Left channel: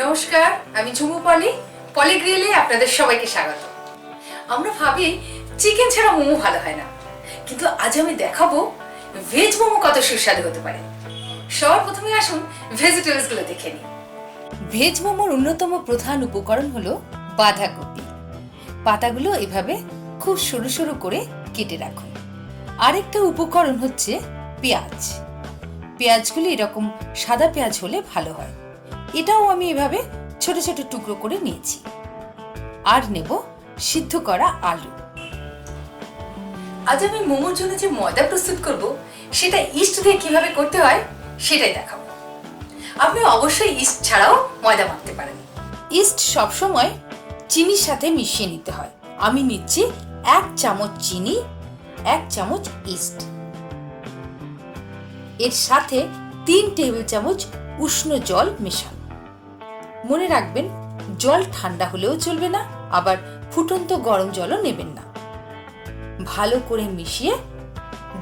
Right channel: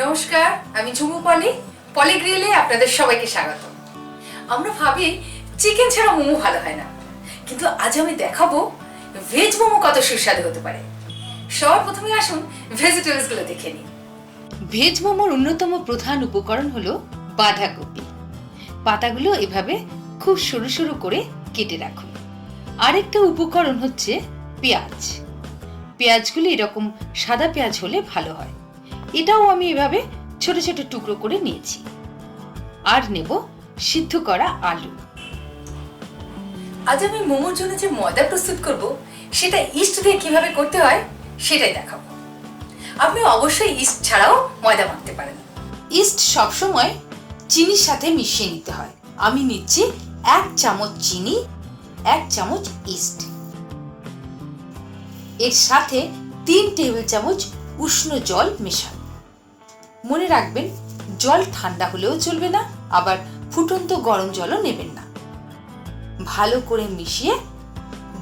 নমস্কার, আমি ঝুমু পলিগ্রিলে আপনাদের সবাইকে স্বাগত। আমরা ভাবি চিকেন ছাড়া মোমো ভালো হয় না, কিন্তু আজ আমি দেখাবো ভেজ মোমো কত সুস্বাদু হতে পারে। সবার প্রথমে আসুন ভেজিটেবলস গুলো দেখে নিই। ভেজ মোমোর অন্যতম প্রধান উপকরণ হলো বাঁধাকপি। পাতাগুলো এভাবে খুব সরু সরু করে কেটে রাখুন। আরেকটা উপকরণ হচ্ছে পেঁয়াজ। পেঁয়াজগুলো এরকম সাদা পেঁয়াজ হলে ভালো হয়। এটাও আমি এভাবে ছোট ছোট টুকরো করে নিয়েছি। আর নেব সিদ্ধ করা আলু। আজ আমি মোমোর জন্য যে ময়দা প্রস্তুত করব সেটা ইস্ট দিয়ে কিভাবে করতে হয় সেটাই দেখাবো। আপনি অবশ্যই ইস্ট ছাড়াও ময়দা মাখতে পারেন। ইস্ট সবসময় চিনির সাথে মিশিয়ে নিতে হয়। আমি নিচ্ছি 1 চামচ চিনি, 1 চামচ ইস্ট। এর সাথে 3 টেবিল চামচ উষ্ণ জল মেশান। মনে রাখবেন, জল ঠান্ডা হলেও চলবে না, আবার ফুটন্ত গরম জলও নেবেন না। ভালো করে মিশিয়ে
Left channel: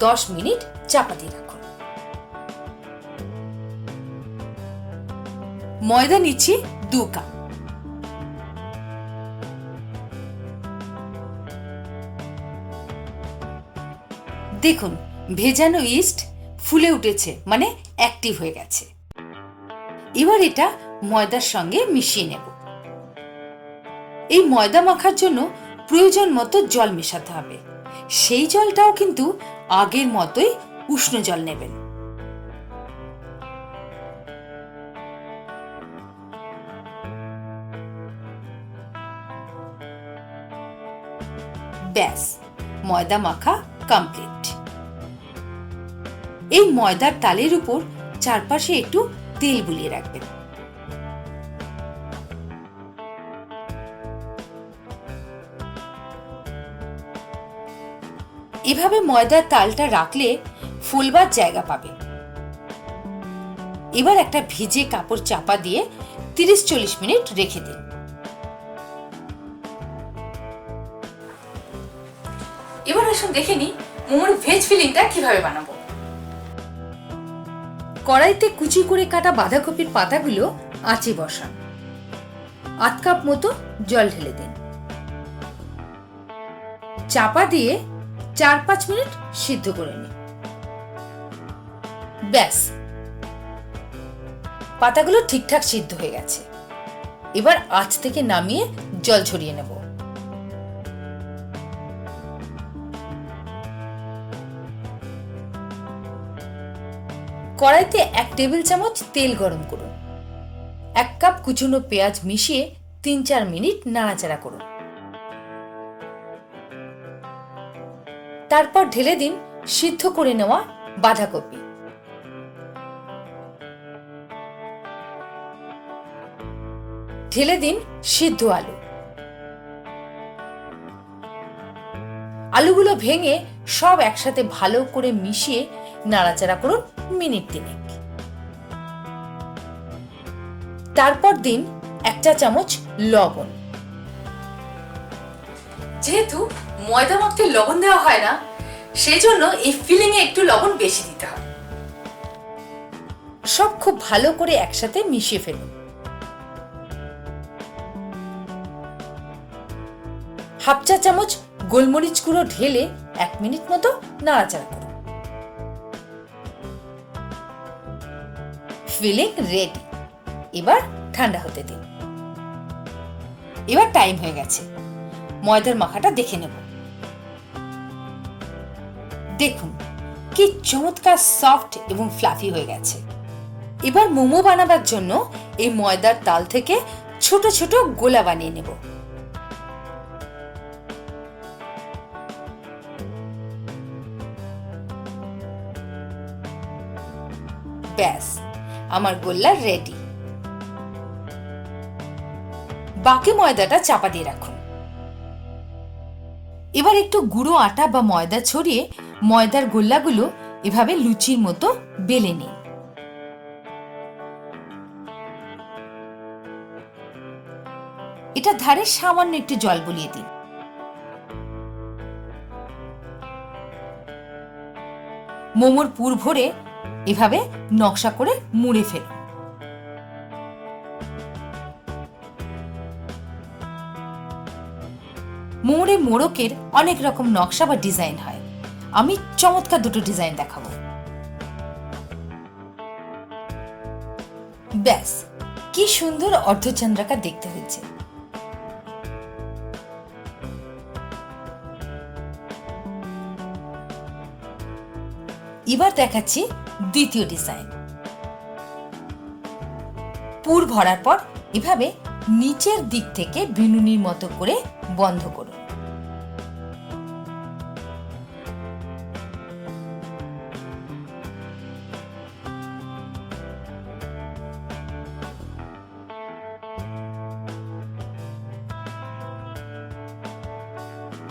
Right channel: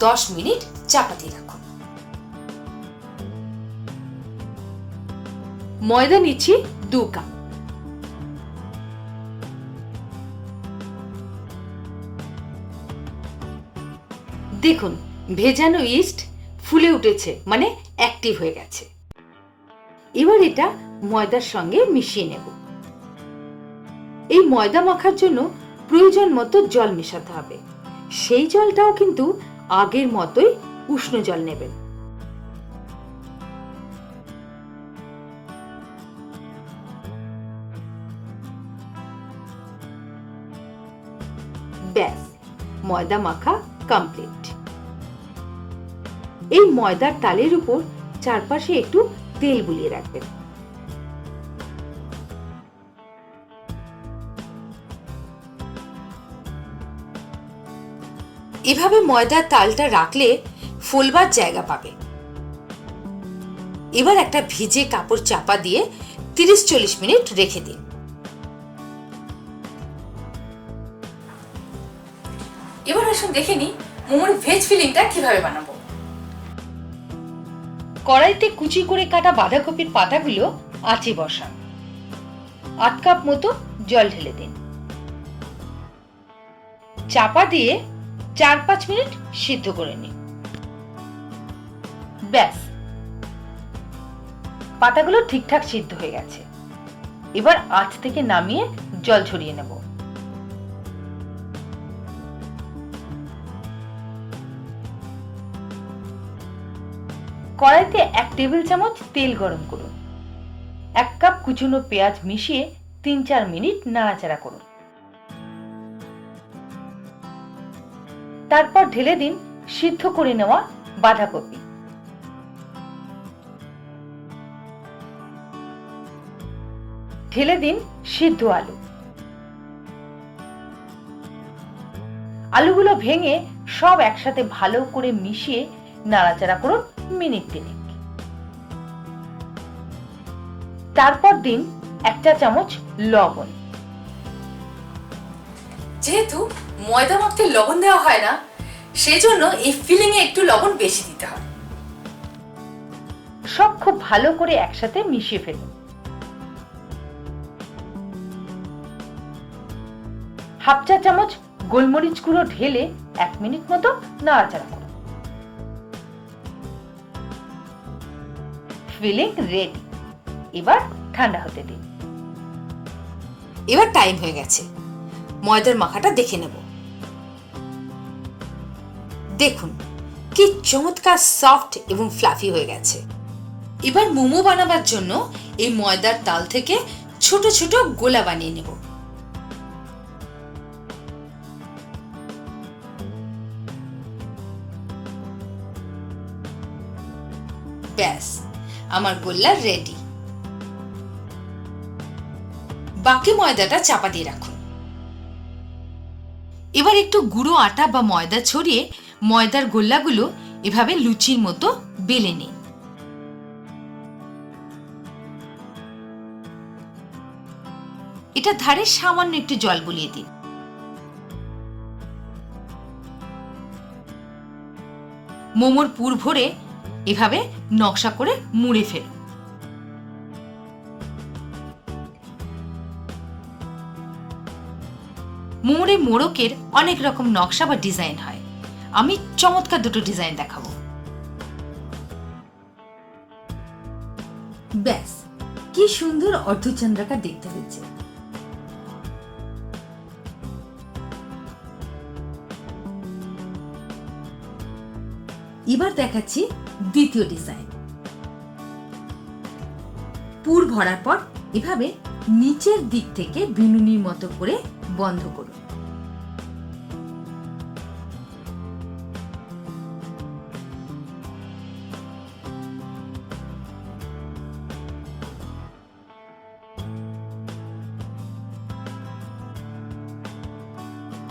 10 মিনিট চাপা দিয়ে রাখুন। ময়দা নিচ্ছি 2 কাপ। দেখুন, ভেজানো ইস্ট ফুলে উঠেছে, মানে অ্যাক্টিভ হয়ে গেছে। এবার এটা ময়দার সঙ্গে মিশিয়ে নেব। এই ময়দা মাখার জন্য প্রয়োজন মতো জল মেশাতে হবে। সেই জলটাও কিন্তু আগের মতোই উষ্ণ জল নেবেন। ব্যাস, ময়দা মাখা কমপ্লিট। এই ময়দার তালের উপর চারপাশে একটু তেল বুলিয়ে রাখবেন। এভাবে ময়দার তালটা রাখলে ফোলবার জায়গা পাবে। এবার একটা ভিজে কাপড় চাপা দিয়ে 30-40 মিনিট রেখে দিন। এবার আসুন দেখে নিই মোমোর ভেজ ফিলিংটা কিভাবে বানাবো। কড়াইতে কুচি করে কাটা বাঁধাকপির পাতাগুলো আঁচে বসান। 1 কাপ মতো জল ঢেলে দিন। চাপা দিয়ে 4-5 মিনিট সিদ্ধ করে নিন। ব্যাস, পাতাগুলো ঠিকঠাক সিদ্ধ হয়ে গেছে। এবার আঁচ থেকে নামিয়ে জল ঝরিয়ে নেব। কড়াইতে 1 টেবিল চামচ তেল গরম করুন। 1 কাপ কুচনো পেঁয়াজ মিশিয়ে 3-4 মিনিট নাড়াচাড়া করুন। তারপর ঢেলে দিন সিদ্ধ করে নেওয়া বাঁধাকপি। ঢেলে দিন সিদ্ধ আলু। আলুগুলো ভেঙে সব একসাথে ভালো করে মিশিয়ে নাড়াচাড়া করুন মিনিট 3। তারপর দিন 1 চা চামচ লবণ। যেহেতু ময়দা মাখতে লবণ দেওয়া হয় না, সেই জন্য এই ফিলিং এ একটু লবণ বেশি দিতে হয়। সব খুব ভালো করে একসাথে মিশিয়ে ফেলুন। হাফ চা চামচ গোলমরিচ গুঁড়ো ঢেলে 1 মিনিট মতো নাড়াচাড়া করুন। Filling ready. এবার ঠান্ডা হতে দিন। এবার টাইম হয়ে গেছে, ময়দার মাখাটা দেখে নেব। দেখুন কি চমৎকার সফট এবং ফ্লাফি হয়ে গেছে। এবার মোমো বানাবার জন্য এই ময়দার তাল থেকে ছোট ছোট গোলা বানিয়ে নেব। ব্যাস, আমার গোল্লা রেডি। বাকি ময়দাটা চাপা দিয়ে রাখুন। এবার একটু গুঁড়ো আটা বা ময়দা ছড়িয়ে ময়দার গোল্লাগুলো এভাবে লুচির মতো বেলে নিন। এটা ধারে সামান্য একটু জল বুলিয়ে দিন। মোমোর পুর ভরে এভাবে নকশা করে মুড়ে ফেলুন। মোড়ে মোড়কের অনেক রকম নকশা বা ডিজাইন হয়। আমি চমৎকার দুটো ডিজাইন দেখাবো। ব্যাস, কি সুন্দর অর্ধচন্দ্রাকার দেখতে হয়েছে। এবার দেখাচ্ছি দ্বিতীয় ডিজাইন। পুর ভরার পর এভাবে নিচের দিক থেকে বিনুনির মতো করে বন্ধ করুন।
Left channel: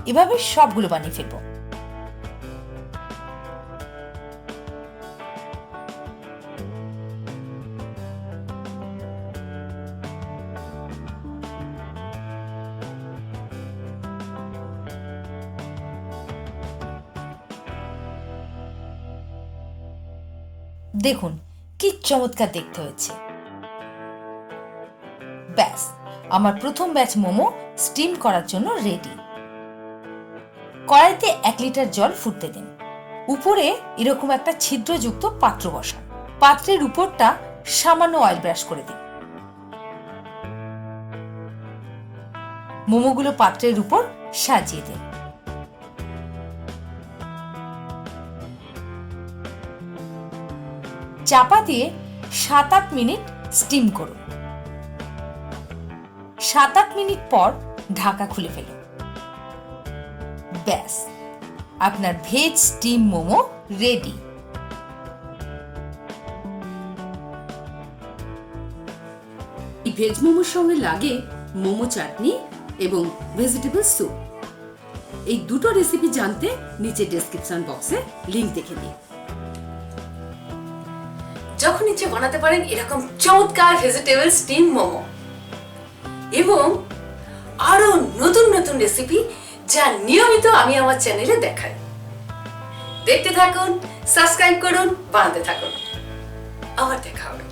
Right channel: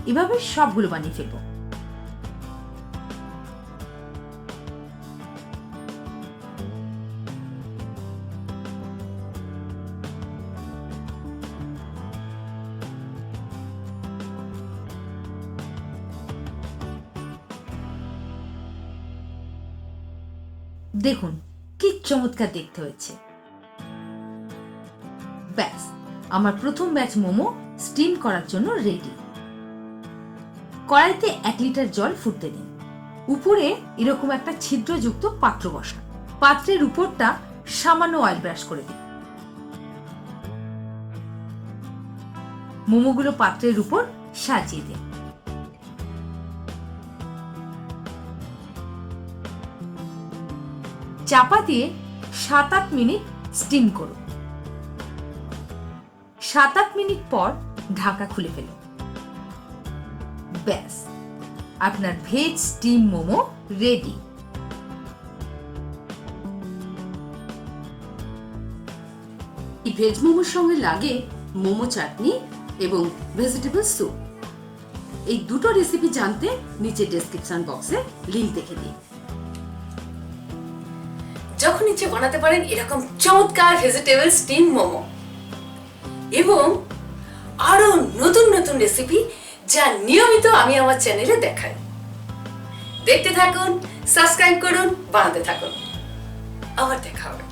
এভাবে সবগুলো বানিয়ে ফেলবো। দেখুন কি চমৎকার দেখতে হয়েছে। ব্যাস, আমার প্রথম ব্যাচ মোমো স্টিম করার জন্য রেডি। কড়াইতে 1 লিটার জল ফুটতে দিন। উপরে এরকম একটা ছিদ্রযুক্ত পাত্র বসান। পাত্রের উপরটা সামান্য অয়েল ব্রাশ করে দিন। মোমোগুলো পাত্রের উপর সাজিয়ে দিন। চাপা দিয়ে 7-8 মিনিট স্টিম করুন। 7-8 মিনিট পর ঢাকা খুলে ফেলুন। ব্যাস, আপনার ভেজ স্টিম মোমো রেডি। এই ভেজ মোমোর সঙ্গে লাগে মোমো চাটনি এবং ভেজিটেবল স্যুপ। এই দুটো রেসিপি জানতে নিচে ডেসক্রিপশন বক্সে লিংক দেখে নিন। যখন ইচ্ছে বানাতে পারেন এরকম চমৎকার ভেজিটেবল স্টিম মোমো এবং আরো নতুন নতুন রেসিপি যা নিয়মিত আমি আমার চ্যানেলে দেখাই। দেখতে থাকুন, সাবস্ক্রাইব করুন, বানাতে থাকুন। আবার দেখা হবে।